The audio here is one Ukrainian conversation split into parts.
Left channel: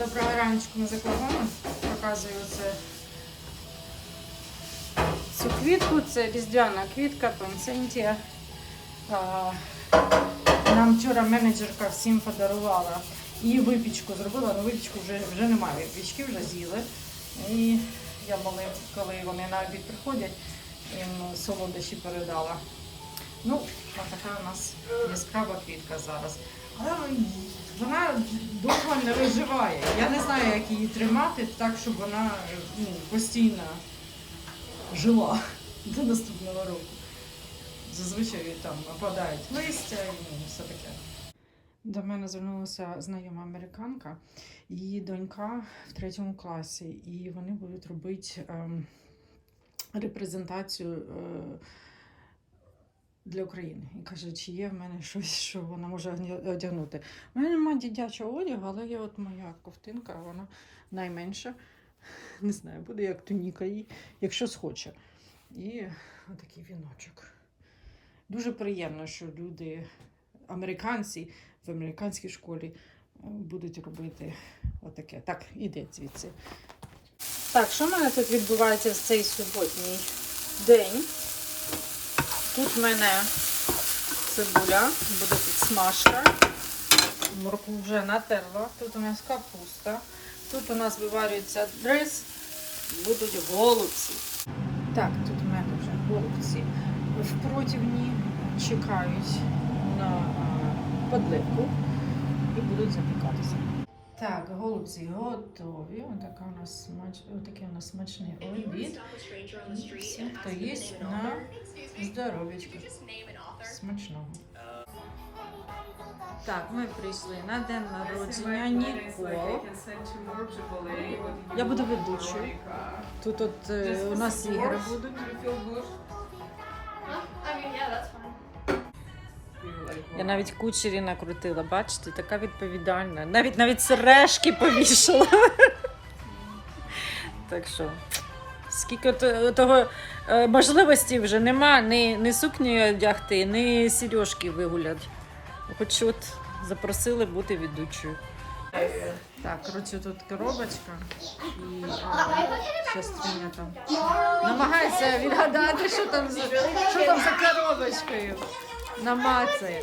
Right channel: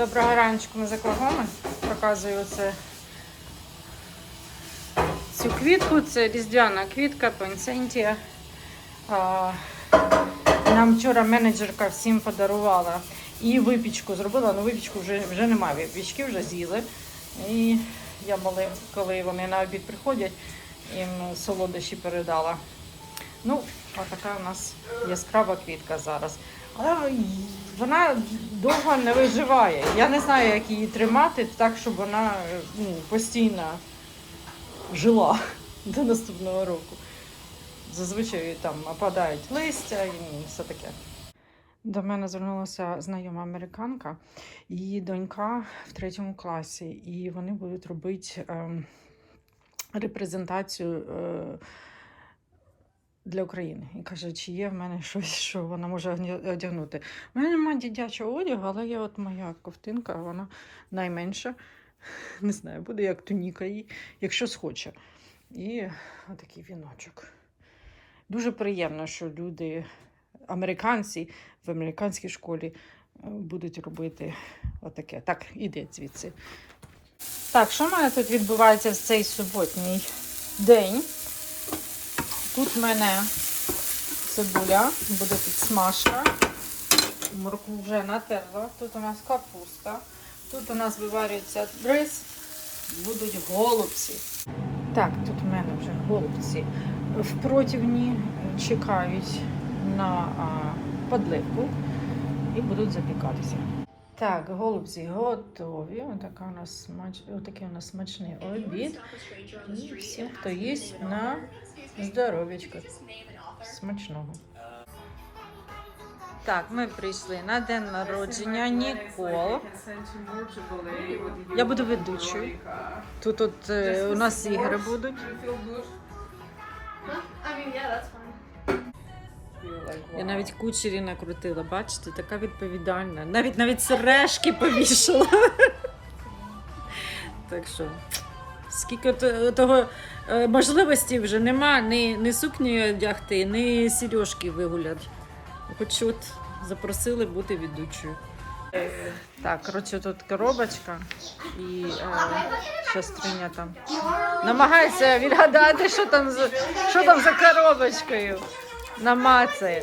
Доброго раночку ми з Оклахоми. Показую це. Цю квітку, це різдвяна квітка, пансентія. А, Нам вчора менеджерка всім подарувала. І випічку зробила, але випічку вже, вже немає. Випічки вже з'їли. І я були, коли вони на обід приходять, їм солодощі передала. Ну, така у нас яскрава квітка зараз. Але вона довго не виживає. Я не знаю, як її тримати так, щоб вона е, ну, постійно жила до наступного року. Зазвичай там опадають листя і ну, все таке. До мене звернулася знайома американка, її донька в третьому класі, і вони будуть робити ем, репрезентацію. Е, для України. І каже, чи є в мене щось, що вона може одягнути. У мене немає дитячого одягу, але є от моя ковтинка, вона найменша. Не знаю, буде як туніка їй, якщо схоче. І отакий віночок. Дуже приємно, що люди, американці в американській школі е, будуть робити отаке. Так, іде звідси. Так, що в мене тут відбувається в цей суботній день? Тут в мене цибуля, буде підсмажка. Моркву вже натерла. Тут у нас капуста. Тут у нас виварюється рис, будуть голубці. Так, тут в мене вже голубці в противні чекають на подливку і будуть запікатися. Так, голубці готові. Отака у нас смач... Отакий у нас смачний обід. І всім, хто їсть на здоров'ячко. Смачного. Так, ми прийшли на день народження Нікол. Я буду ведучою. Тут от е, у нас ігри будуть. Я навіть кучері накрутила, бачите, така відповідальна. Навіть навіть сережки повішала. Так що, скільки того е, можливості вже нема ні, ні сукні одягти, ні сережки вигуляти. Хоч от запросили бути ведучою. Так, коротше, тут коробочка і е, там намагається відгадати, що там, за, що там за коробочкою. Намацає.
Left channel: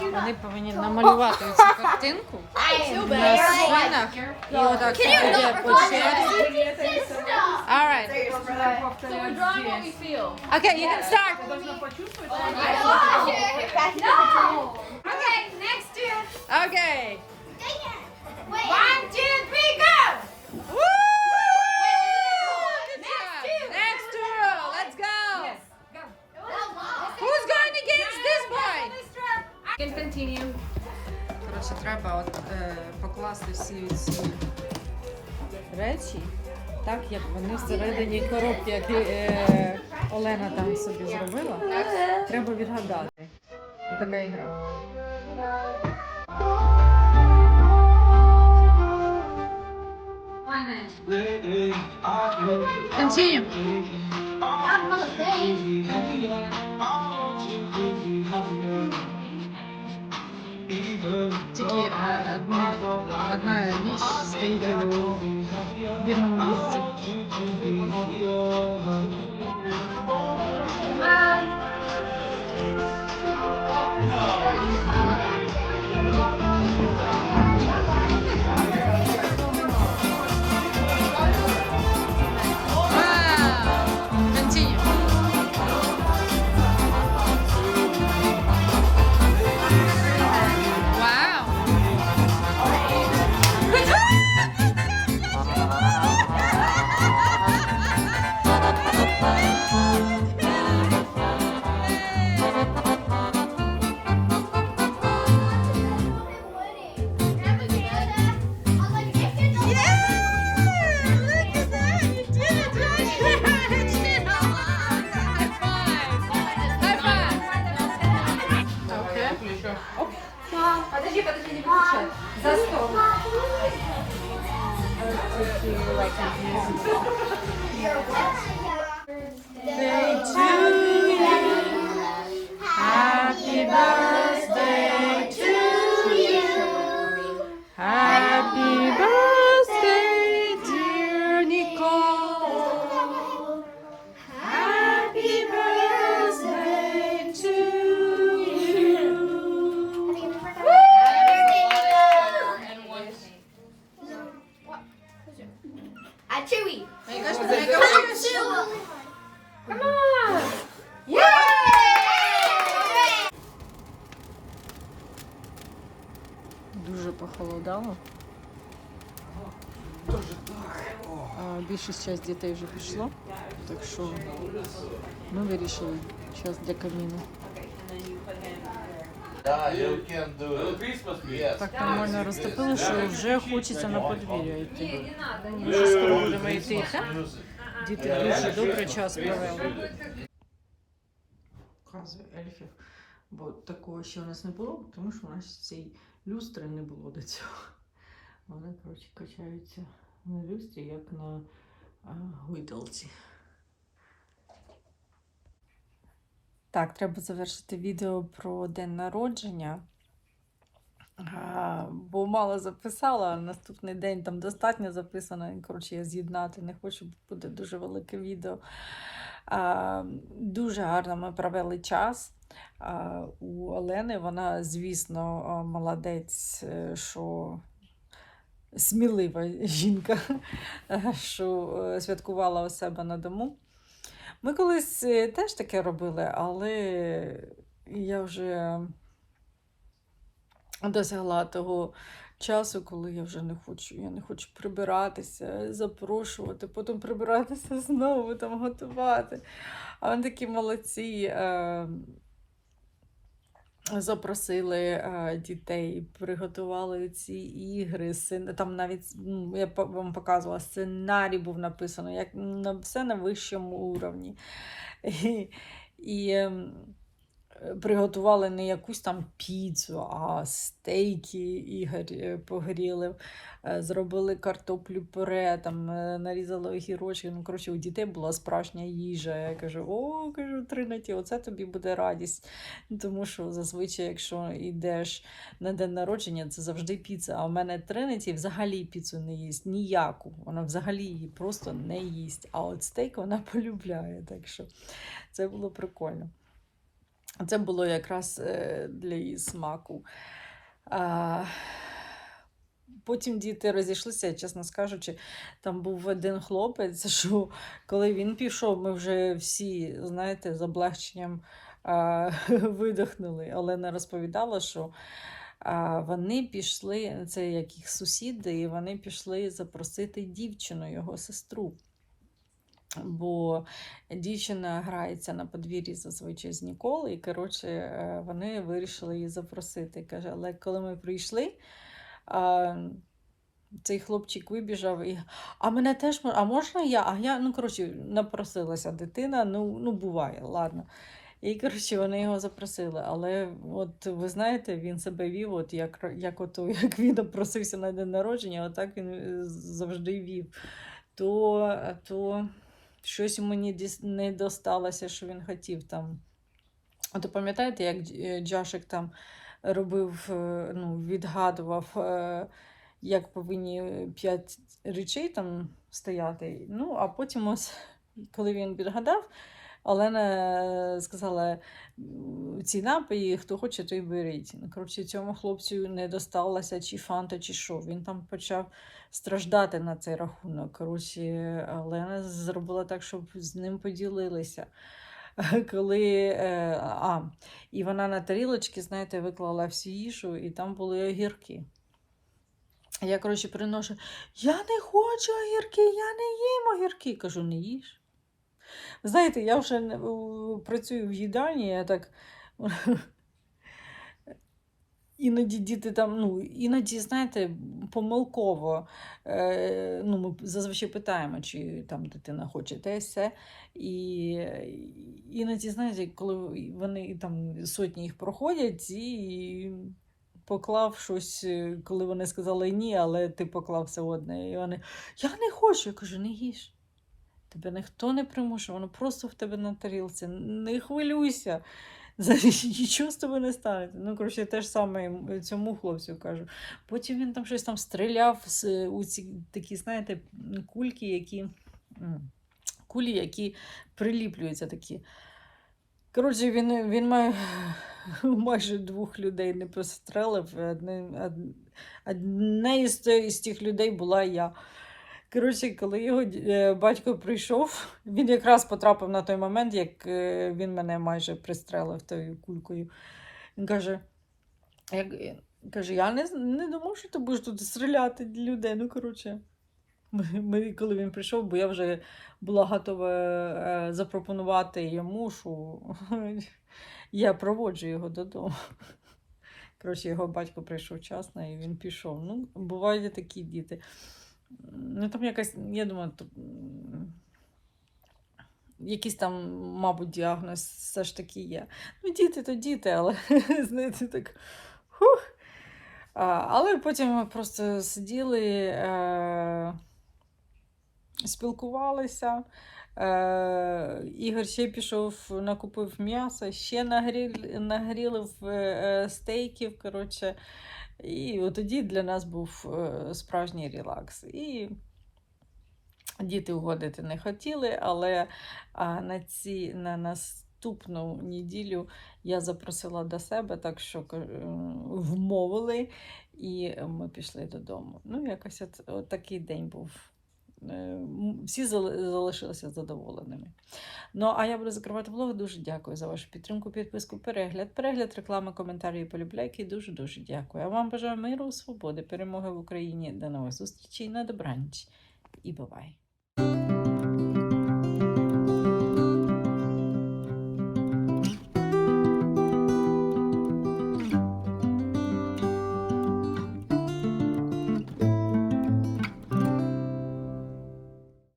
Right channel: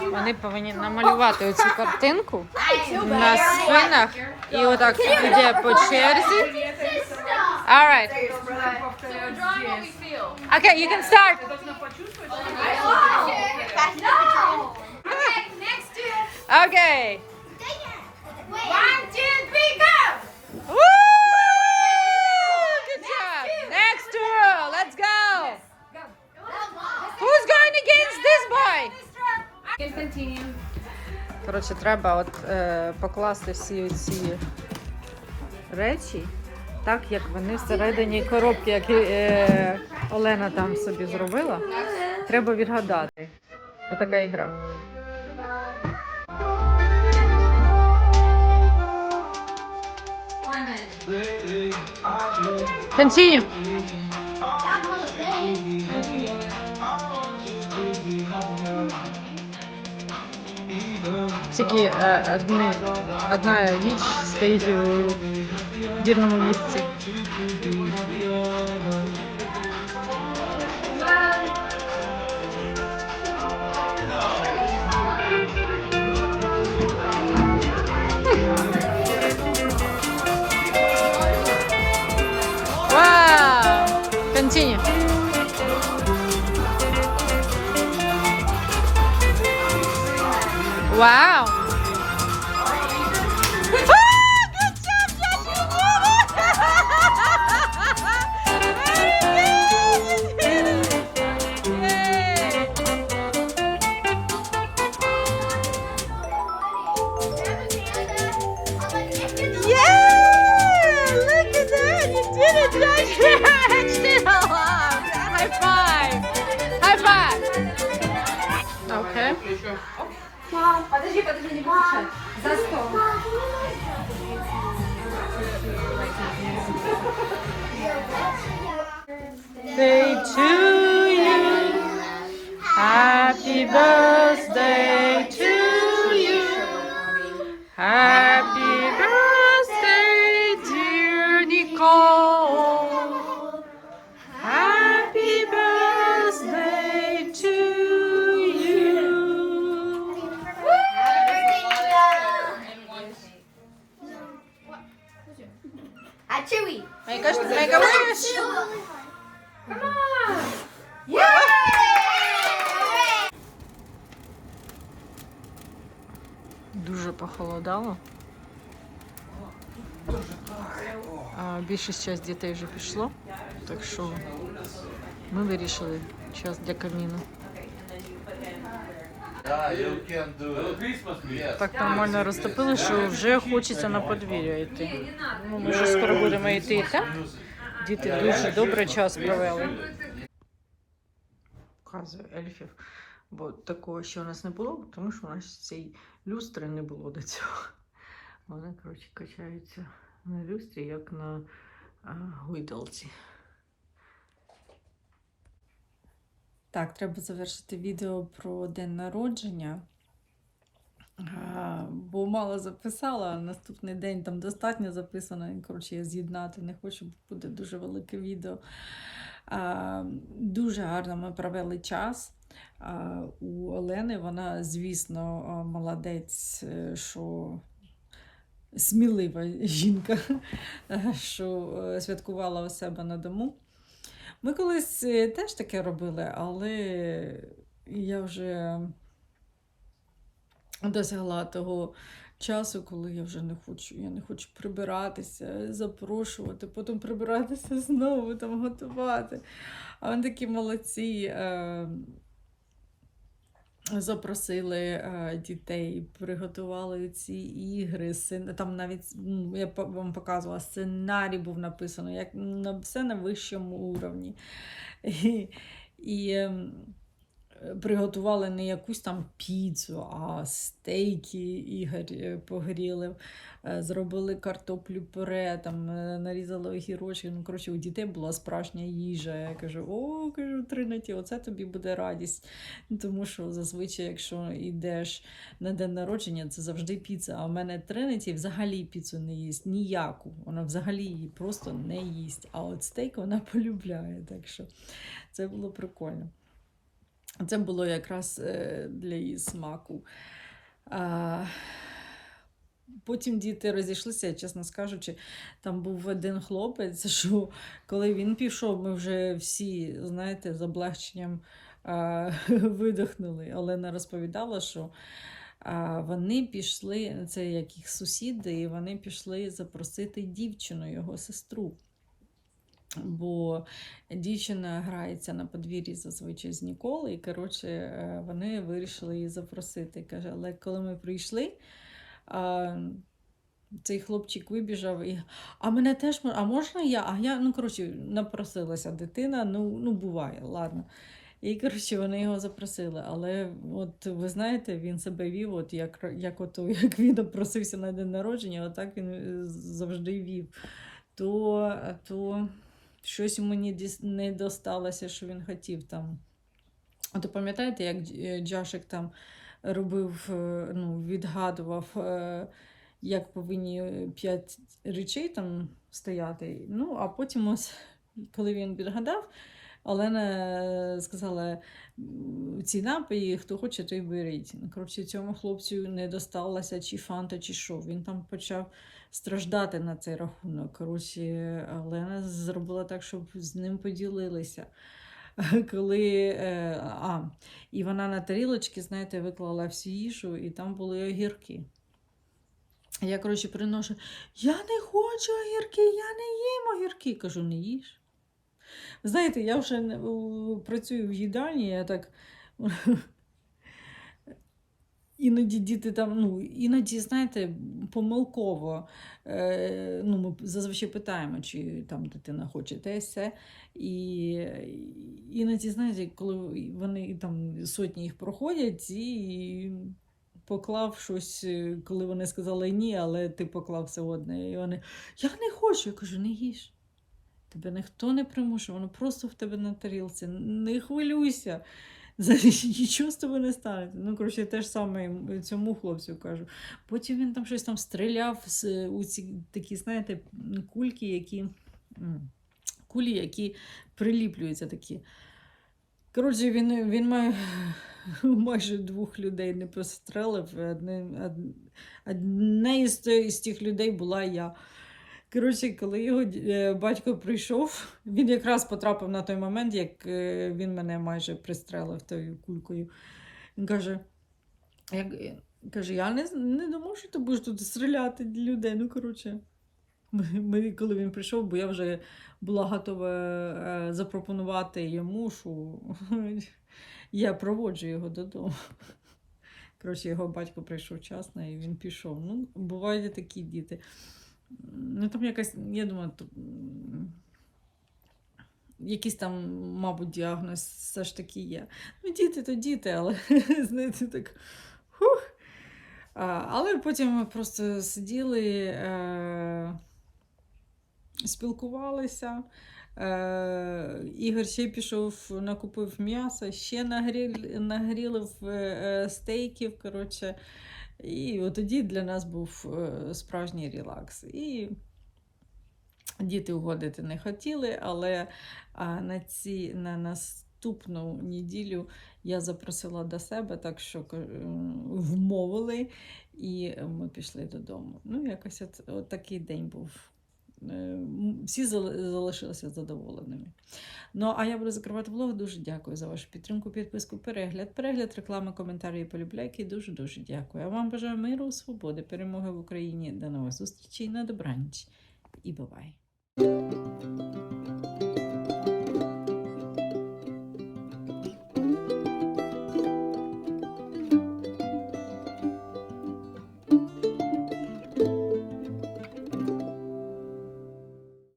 Вони повинні намалювати цю картинку на спинах і отак іде по черзі. Alright. Okay, you can start. Okay. One, two, three, go. Woo! Going this boy? Коротше, треба от е, покласти всі ці речі, так як вони всередині коробки, які е, Олена там собі зробила. Треба відгадати. Отака ігра. Continue. Тільки е, одне, одна річ стоїть у вірному місці. Вау! At Chewy. Make a, make Come a on, wish. Chewy. Come on. Yay! Дуже похолодало. А більшість часть дітей вже пішло, так що ми вирішили час для каміну. Так нормально розтопили, що вже хочеться на подвір'я йти. Ну, ми вже скоро будемо йти, так? Діти дуже добре час провели. Показую ельфів, бо такого ще у нас не було, тому що у нас цієї люстри не було до цього. Вони, коротше, качаються на люстрі, як на а, Так, треба завершити відео про день народження. А, бо мало записала, а наступний день там достатньо записано. Коротше, я з'єднати не хочу, бо буде дуже велике відео. А, дуже гарно ми провели час. А, у Олени вона, звісно, молодець, е, що смілива жінка, що е, святкувала у себе на дому. Ми колись е, теж таке робили, але я вже досягла того часу, коли я вже не хочу. Я не хочу прибиратися, запрошувати, потім прибиратися знову, там готувати. А вони такі молодці. Запросили е, дітей, приготували ці ігри. Там навіть я вам показувала сценарій був написано, як на все на вищому уровні. І, і ем, приготували не якусь там піцу, а стейки Ігор е, погріли, е, зробили картоплю пюре, там е, нарізали огірочки. Ну, коротше, у дітей була справжня їжа. Я кажу, о, кажу, Тринаті, оце тобі буде радість. Тому що зазвичай, якщо йдеш на день народження, це завжди піца. А в мене Тринаті взагалі піцу не їсть ніяку. Вона взагалі її просто не їсть. А от стейк вона полюбляє. Так що це було прикольно. Це було якраз е, для її смаку. Потім діти розійшлися, чесно скажучи, там був один хлопець, що коли він пішов, ми вже всі, знаєте, з облегченням а, видихнули. Олена розповідала, що вони пішли, це як їх сусіди, і вони пішли запросити дівчину, його сестру. Бо дівчина грається на подвір'ї зазвичай з Ніколи, і коротше, е, вони вирішили її запросити. Каже, але коли ми прийшли, цей хлопчик вибіжав і. А мене теж а можна я? А я, ну коротше, напросилася дитина, ну, ну буває, ладно. І, коротше, вони його запросили. Але от ви знаєте, він себе вів, от як, як, от, як він просився на день народження, отак він е, завжди вів. То, то щось йому не, досталося, що він хотів там. От ви пам'ятаєте, як е, Джашик там робив, е, ну, відгадував, е, як повинні п'ять речей там стояти. Ну, а потім ось, коли він відгадав, Олена сказала: ці напої, хто хоче, той беріть. Ну, Коротше, цьому хлопцю не досталося чи фанта, чи що. Він там почав страждати на цей рахунок. Коротше, Олена зробила так, щоб з ним поділилися. Коли, е, а, і вона на тарілочки, знаєте, виклала всю їжу, і там були огірки. Я, коротше, приношу, я не хочу огірки, я не їм огірки. Кажу, не їж. Знаєте, я вже не- працюю в їдальні, я так. Іноді діти там, ну, іноді, знаєте, помилково. Е, ну, ми зазвичай питаємо, чи там дитина хоче те все. І іноді, знаєте, коли вони там сотні їх проходять, і поклав щось, е, коли вони сказали ні, але ти поклав все одне. І вони, я не хочу. Я кажу, не їж. Тебе ніхто не примушує, воно просто в тебе на тарілці. Не хвилюйся. Нічого з тобою не станеться. Ну, коротше, те ж саме цьому хлопцю кажу. Потім він там щось там стріляв з, у ці такі, знаєте, кульки, які. Кулі, які приліплюються такі. Коротше, він, він має майже двох людей не пострелив. Одне, од- одне те- із тих людей була я. Коротше, коли його е, батько прийшов, він якраз потрапив на той момент, як е, він мене майже пристрелив тою кулькою. Він каже, як, е, каже я не, не думав, що ти будеш тут стріляти людей. Ну, коротше. Ми, коли він прийшов, бо я вже була готова запропонувати йому, що я проводжу його додому. Коротше, його батько прийшов вчасно і він пішов. Ну, бувають такі діти. Ну, там якась, я думаю, то, якийсь там, мабуть, діагноз все ж таки є. Ну, діти то діти, але знаєте, так. Хух. А, але потім ми просто сиділи, е, спілкувалися. Е, Ігор ще пішов, накупив м'ясо, ще нагріл, нагрілив е, е, стейків. Коротше. І от тоді для нас був е, справжній релакс. І діти угодити не хотіли, але на, ці, на наступну неділю я запросила до себе, так що е, вмовили, і ми пішли додому. Ну, якось от, от такий день був. Е, Всі залишилися задоволеними. Ну, а я буду закривати влог. Дуже дякую за вашу підтримку, підписку, перегляд, перегляд, реклами, коментарі і полюбляйки. Дуже дуже дякую. А вам бажаю миру, свободи, перемоги в Україні. До нових зустрічей на добраніч і бувай!